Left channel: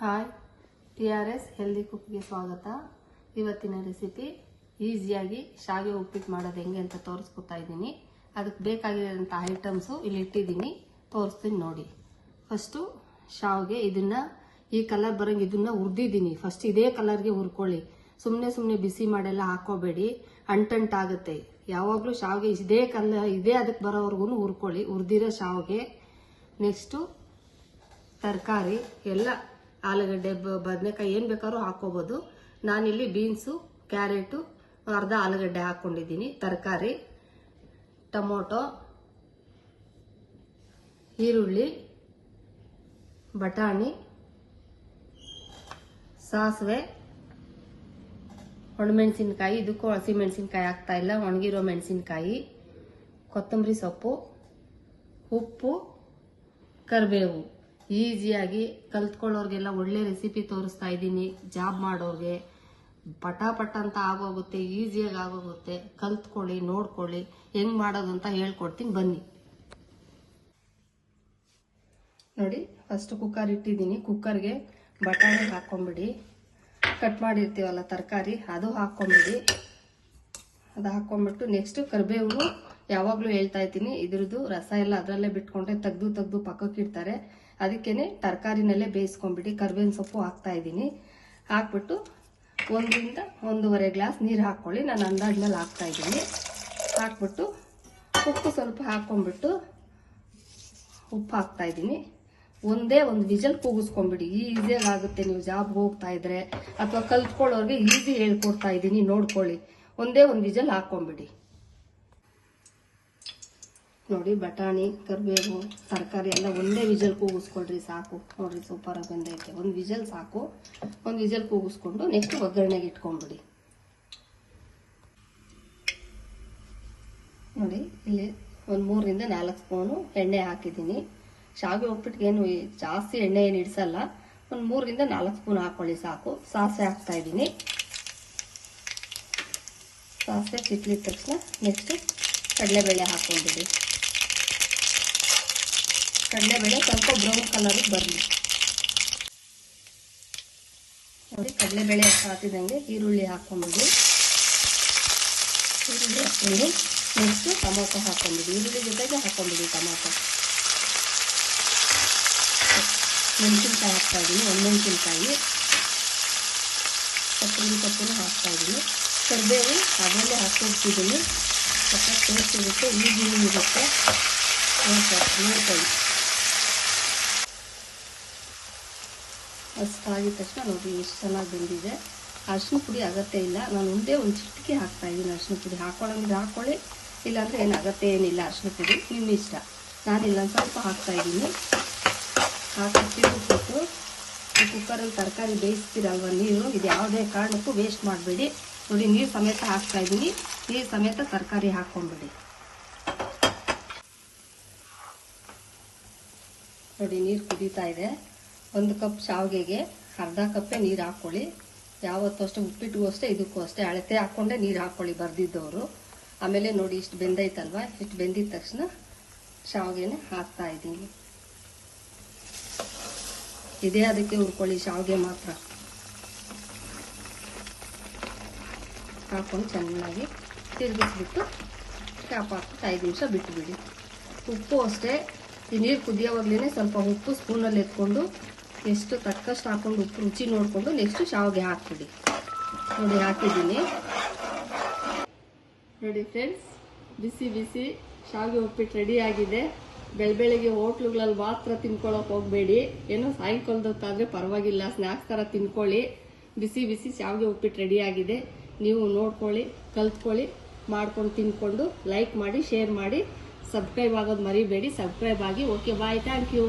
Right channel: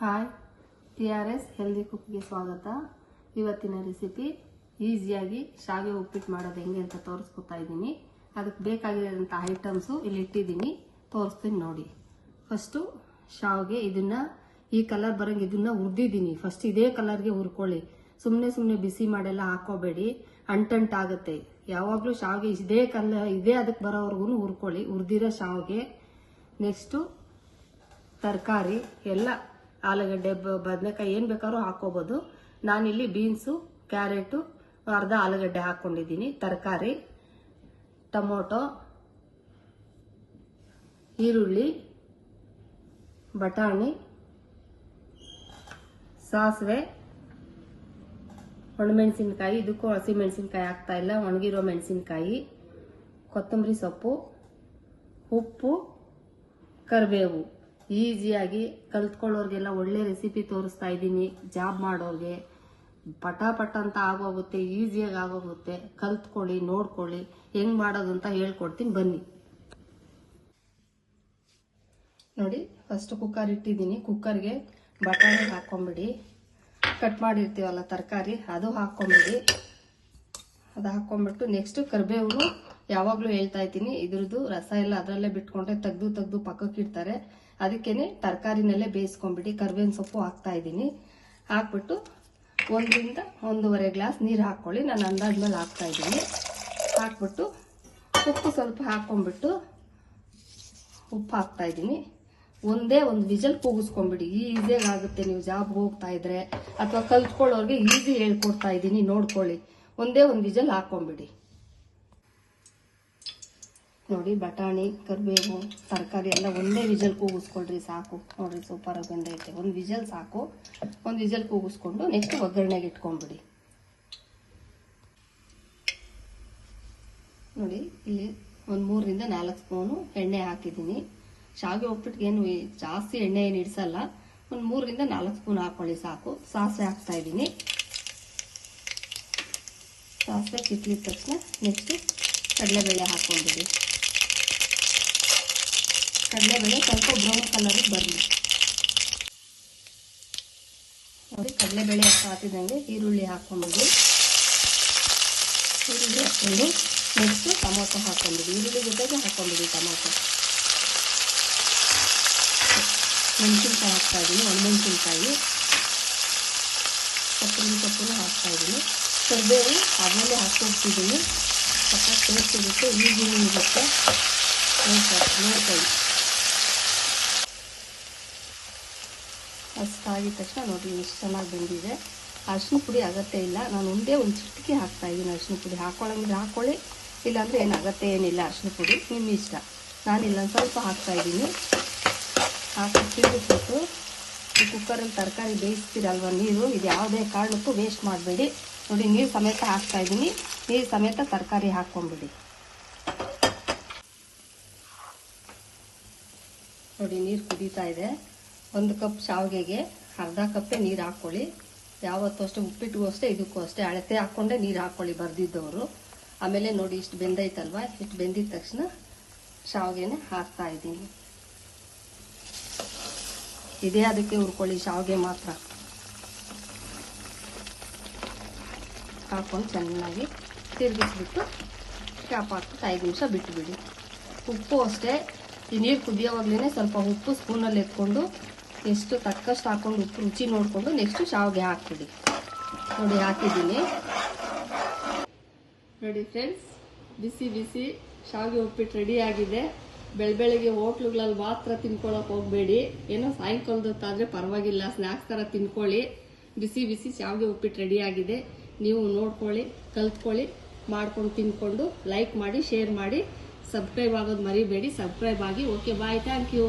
Hi, TRS healthy ಕುಕ್ಗೆ ಸ್ವಾಗತ. ಇವತ್ತಿನ recipe ಈಸಿಯಾಗಿ ಶಾವಿಗೆ ಉಪ್ಪಿಟ್ಟು ಮಾಡೋದು ಹೆಂಗೆ ಅಂತ ತೋರಿಸ್ಕೊತಾ ಇದ್ದೀನಿ. ಅದಕ್ಕೆ ಬೇಕಾಗಿರೋಂಥ ಐಟಮ್ಸು ಇಲ್ಲಿ ಇಟ್ಟಿದ್ದೀನಿ, ತೋರಿಸ್ತೀನಿ ನೋಡಿ. ಫಸ್ಟು ಶಾವಿಗೆ ಇದನ್ನ ಈ ಕಲರ್ ಬರೋಂಗೆ ಇದನ್ನ ಹುರಿದಿದ್ದೀನಿ. ಫಸ್ಟ್ ಇದೇ ಕಲರ್ಗೆ ಹುರ್ಕೊಳ್ಳಿ. ಸುಮ್ಮನೆ ಬಿಸಿ ಮಾಡೆಲ್ಲ ಹಾಕೋಬೇಡಿ, ಅಂಟಂಟಾಗುತ್ತೆ. ಯಾವಾಗಲೂ ಶಾವಿಗೆ ಇದೇ ಕಲರ್ ಇದೇ ಅದಕ್ಕೆ ಬರೋವರೆಗೂ ಹುರ್ಕೊಳ್ಳಿ, ಹುರಿದಿರೋ ಶಾವಿಗೆ. ನೆಕ್ಸ್ಟು ತರಕಾರಿ ಎಲ್ಲ ಆಲೂಗಡ್ಡೆ, ಬದನೆಕಾಯಿ ಏನು ಬೇಕಾದ್ರೂ ಹಾಕೋಬಹುದು. ನಾನಿಲ್ಲಿ ಬೀನ್ಸು, ಕ್ಯಾರೆಟು, ಅರ್ಧ ಆಲೂಗಡ್ಡೆ ಹಾಕೊಂಡಿದ್ದೀನಿ. ತರಕಾರಿ, ಟೊಮೊಟೊ, ಈರುಳ್ಳಿ, ಬಟಾಣಿ, ಸಾಸಿವೆ, ಒಣಮೆಣಸಿನ್ಕಾಯಿ. ಇದಕ್ಕೂ ಹಸಿಮೆಣಸಿನ್ಕಾಯಿ ಹಾಕ್ತಾ ಇಲ್ಲ, ಒಣಗಿರೋ ಮೆಣಸಿನ್ಕಾಯಿ, ಕೊತ್ತಂಬರಿ ಸೊಪ್ಪು, ಉಪ್ಪು, ಕರಿಬೇವು. ಈಸಿಯಾಗಿ ಕಲ್ತ್ಕೊಳ್ಳೋರ್ಗೆಲ್ಲ ಒಳ್ಳೆ ರೆಸಿಪಿ ತೋರಿಸ್ತಾ ಇದ್ದೀನಿ. ಜಾಬ್ ಮಾಡೋರ್ಗೆ ಪಟ ಅಂತ ಆಗೋಗುತ್ತೆ, ಈಸಿಯಾಗಿ ಆಗೋಗುತ್ತೆ. ಕಲ್ತ್ಕೊಳ್ಳಿ, ನೋಡ್ಕೊಳ್ಳಿ ಹೆಂಗ್ ಮಾಡೋದು ಅಂತ ಹೇಳ್ಕೊಡ್ತೀನಿ, ಬನ್ನಿ ನೋಡಿ. ಫಸ್ಟ್ ಕುಕ್ಕರ್ ಇಟ್ಟಿದ್ದೀನಿ. ಕುಕ್ಕರ್ಗೆ ಬಟಾಣಿ ಹಾಕೊಂಬಿಡಿ. ಕಟ್ ಮಾಡಿರ್ತೀವಲ್ಲ ತರಕಾರಿ, ಅದು ಹಾಕೊಂಬಿಡಿ. ಅದು ಹಾಕೊಂಡ್ಬಿಟ್ಟು ನೆಕ್ಸ್ಟ್ ಕರಿಬೇವು. ಯಾವಾಗಲೂ ಹೇಳ್ತಾ ಇದ್ದೀನಿ, ಇದ್ರದ್ದು ರಸ ಎಲ್ಲ ಅದರಲ್ಲೇ ಬಿಟ್ಕೊಂಡ್ರೆ ತೆಗ್ದು ಪಕ್ಕಕ್ಕೆ ಇಡ್ತಾರೆ. ಅದಕ್ಕೇನೆ ತರಕಾರಿನಲ್ಲೇ ಬೇಯಿಸ್ಕೊಂಡ್ಬಿಡಿ. ಕರಿಬೇವಿನ ಸೊಪ್ಪು ಹಾಕ್ತಾ ಇದ್ದೀನಿ. ಹಾಕ್ಬಿಟ್ಟು 1 to 1.5 ಗ್ಲಾಸ್ ನೀರು ಹಾಕ್ಕೊಳ್ಳಿ. ನಾನು ಅಂದಾಜ್ಮೇಲೆ ಹಾಕ್ತಾ ಇದ್ದೀನಿ. ಹಾಕ್ಬಿಟ್ಟು ಉಪ್ಪು ಸ್ವಲ್ಪ ಹಾಕೊಂಡ್ಬಿಟ್ಟು ಉಪ್ಪು ಹಾಕ್ತಾ ಇದ್ದೀನಿ. ಒಂದೇ ಒಂದು ವಿಜಲ್ ಕೂಗಿಸ್ಕೊಂಡ್ಬಿಡಿ. ಈಸಿಯಾಗಿ ಆಗುತ್ತೆ. ನೀವು ಜಾಬ್ ಹೋಗ್ತಾ ಇದ್ರೆ ಅಥವಾ ಕಲ್ತ್ಕೊಳ್ಳೋರ್ಗೆ ಈಸಿ ಹೇಳ್ಕೊಡ್ತಾ ಇದ್ದೀನಿ, ನೋಡ್ಕೊಳ್ಳಿ. ಒಂದೇ ಒಂದು ವಿಜಲ್ ಹಾಕೊಂಡ್ಬಿಡಿ ನೋಡಿ. ಬಟಾಣಿ, ಕರಿಬೇವು, ತರಕಾರಿ ಎಲ್ಲ ಒಂದೇ ವಿಜಲ್ ಕೂಗಿಸ್ಕೊಳ್ರಿ, ಸಾಕು. ನೋಡ್ರಿ ಸೂಪರ್ ಆಗಿ ಬಂದೈತೆ. ಒಂದು ವಿಜಲ್ ಸಾಕು. ಒಂದು ವಿಜಲ್ ಕೂಗಿಸ್ಕೊಂಡು ನೆಕ್ಸ್ಟ್ ಒಗ್ಗರಣೆಗೆ ಇಟ್ಕೊಂಡ್ಬಿಡಿ ನೋಡಿ. ಇಲ್ಲಿ ಒಂದು 3 to 4 ಸ್ಪೂನು ಎಣ್ಣೆ ಹಾಕಿದ್ದೀನಿ. ಶಾವಿಗೆ ಉಪ್ಪಿಟ್ಟಿಗೆ ಏನು ಜಾಸ್ತಿ ಎಣ್ಣೆ ಏನು ಇಡಿಸಲ್ಲ. ಒಂದು 3 to 4 ಸ್ಪೂನ್ ಹಾಕೊಳ್ಳಿ, ಸಾಕು. ಸಾಸಿವೆ ಹಾಕ್ತಾ ಇದ್ದೀನಿ. ಸಾಸಿವೆ ಚಿಟ್ಲಿದ ತಕ್ಷಣ ನೆಕ್ಸ್ಟ್ ಕಡಲೆಬೇಳೆ ಹಾಕೊಂಡ್ಬಿಡಿ. ಕಡಲೆಬೇಳೆ ಸ್ವಲ್ಪ ಬ್ರೌನ್ ಕಲರ್ ಬರಲಿ ನೋಡಿ. ಕಡಲೆಬೇಳೆ ಹಾಕಿದಂಗೆ ಈರುಳ್ಳಿ ಹಾಕೊಂಡ್ಬಿಡಿ. ಈರುಳ್ಳಿ ಹಾಕೊಂಡು ನೆಕ್ಸ್ಟ್ ಟೊಮೊಟೊ ಹಾಕೊಂಡ್ಬಿಡಿ. ಈರುಳ್ಳಿ ಜೊತೆಗೆ ಹಾಕೊಂಡ್ಬಿಡಿ ಟೊಮೊಟೊ. ಮೆಣಸಿನ್ಕಾಯಿ ಹಾಕ್ತಾ ಇದ್ದೀನಿ, ಒಣಮೆಣಸಿನ್ಕಾಯಿ, ಕೊತ್ತಂಬರಿ ಸೊಪ್ಪನ್ನು ಹಾಕ್ತಾ ಇದ್ದೀನಿ. ಕರಿಬೇವು ಅದರಲ್ಲೇ ಹಾಕಿರ್ತಿದ್ದೀನಿ. ಸ್ವಲ್ಪ ಟೇಸ್ಟ್ ಇರುತ್ತೆ, ಈಗಿನ ಇರುತ್ತೆ. ನೋಡ್ಕೊಳ್ಳಿ. ಅಷ್ಟಾಗಿದ ತಕ್ಷಣ ನೋಡಿ ಎಷ್ಟು ಚೆನ್ನಾಗಿ ಬಂದಿದೆ. ಅರಿಶಿನ ಪುಡಿ ಅಗತ್ಯ ಇಲ್ಲ. ನಾನು ಒಂದೇ ಒಂದು ಚಿಟಿಕೆ ಹಾಕ್ತಾ ಇದ್ದೀನಿ ಅರಿಶಿನ ಪುಡಿ. ಹಾಕೊಳ್ಳೋಂದ್ರೆ ಹಾಕೊಳ್ಳಿ, ಇಲ್ಲಾಂದ್ರೆ ಏನು ಅಗತ್ಯ ಏನಿಲ್ಲ. ಅರಿಶಿನ ಪುಡಿ ನಿಮ್ಮ ಇಷ್ಟ. ನಾನಿಲ್ಲ ಸ್ವಲ್ಪ ಹಾಕ್ತಾ ಇದ್ದೀನಿ. ಹಾಕಿ ತಿರುಗಿಸ್ಬಿಟ್ಟು ಈ ಕುಕ್ಕರಲ್ಲಿ ತರಕಾರಿ ಬೇಯಿಸ್ತೀರಲ್ವ ನೀವು, ಇದು ಯಾವುದೇ ಕಾರಣಕ್ಕೂ ವೇಸ್ಟ್ ಮಾಡಬೇಡಿ ನೋಡಿ. ನೀರು ಸಮೇತ ಹಾಕ್ತಾ ಇದ್ದೀನಿ. ನೀರು ಸಮೇತ ತರಕಾರಿ ಹಾಕೊಂಡ್ಬಿಡಿ ನೋಡಿ. ನೀರು ಕುದೀತಾ ಇದೆ. 1 ಕಪ್ ಶಾವಿಗೆಗೆ ಅರ್ಧ ಕಪ್ಪೇ ನೀರು ಹಾಕೊಳ್ಳಿ. ಯಾವತ್ತೂ ಅಷ್ಟೇ, ಉಪ್ಪಿಟ್ಟಿಗೂ ಅಷ್ಟೇ, ಇದಕ್ಕೂ ಅಷ್ಟೇ ಅಳತೆ ಹಾಕೊಂಡೆ ನೀರು ಹಾಕೊಳ್ಳಿ ಬರ್ದಿದ್ದವರು. ಆಮೇಲೆ ನೋಡಿ ಇಷ್ಟು ಬೆಂದೈತಲ್ವಾ, ಇಷ್ಟು ಬೆಂದಿದ ತಕ್ಷಣ ಶಾವಿಗೆನೆ ಹಾಕ್ತಾ ಇದ್ದೀನಿ. ಇದೇ ಅದಕ್ಕೆ ಹುರ್ಕೊಳ್ಳಿ, ಶಾವಿಗೆ ಮಾತ್ರ ಹಾಕೊಂಡು ಚೆನ್ನಾಗಿ ತಿರುಗಿಸ್ಬಿಟ್ಟು ಕ್ಯಾಪ್ ಹಾಕ್ಬಿಟ್ಟು 5 ನಿಮಿಷ ಬಿಟ್ಟುಬಿಡಿ. ಉಪ್ಪು ಅಷ್ಟೇ, ಈ ನೀರು ಕುದಿಯೋವಾಗ್ಲೇ ಸ್ವಲ್ಪ ಉಪ್ಪು ಸ್ಪೂನಲ್ಲಿ ಎತ್ಕೊಂಡು ಎಷ್ಟು ತಕ್ಕಷ್ಟು ಹಾಕೊಂಡು ಉಪ್ಪು ರುಚಿ ನೋಡಿಕೊಂಡು ನೆಕ್ಸ್ಟ್ ಶಾವಿಗೆ ಹಾಕ್ಬಿಡಿ ನೋಡಿ. ಹಾಕಿದ್ದೀನಿ ನೋಡಿ ಫ್ರೆಂಡ್ಸ್. ಬಿಸಿ ಶಾವಿಗೆ ಉಪ್ಪಿಟ್ಟು ರೆಡಿ ಆಗಿದೆ. ಬೆಳಗ್ಗೆ ಹೋಟ್ಲುಗಳಲ್ಲಿ ಮಾತ್ರ ತಿನ್ಕೊಳ್ಳೋಕೆ ಹೋಗಬೇಡಿ. ಏನೋ ಸಾಯಂಕಾಲದೊತ್ತಾದ್ರೆ ಪರವಾಗಿಲ್ಲ, ಸ್ನ್ಯಾಕ್ಸ್ ಥರ ತಿನ್ಕೊಳ್ಳಿ. ಬಿಸಿ ಶಾವಿಗೆ ಉಪ್ಪಿಟ್ಟು ರೆಡಿ ಆಗಿದೆ. ನೀವು ನೋಡ್ಕೊಳ್ಳಿ, ಕಲ್ತ್ಕೊಳ್ಳಿ, ಮಾಡ್ಕೊಂಡು ತಿನ್ಕೊಂಡು ಲೈಕ್ ಮಾಡಿ, ಶೇರ್ ಮಾಡಿ, ಸಬ್ಸ್ಕ್ರೈಬ್ ಆಗೋದು ಮರಿಬೇಡಿ. ಸಬ್ಸ್ಕ್ರೈಬ್ ಆಗಿ. Okay, bye, thank you.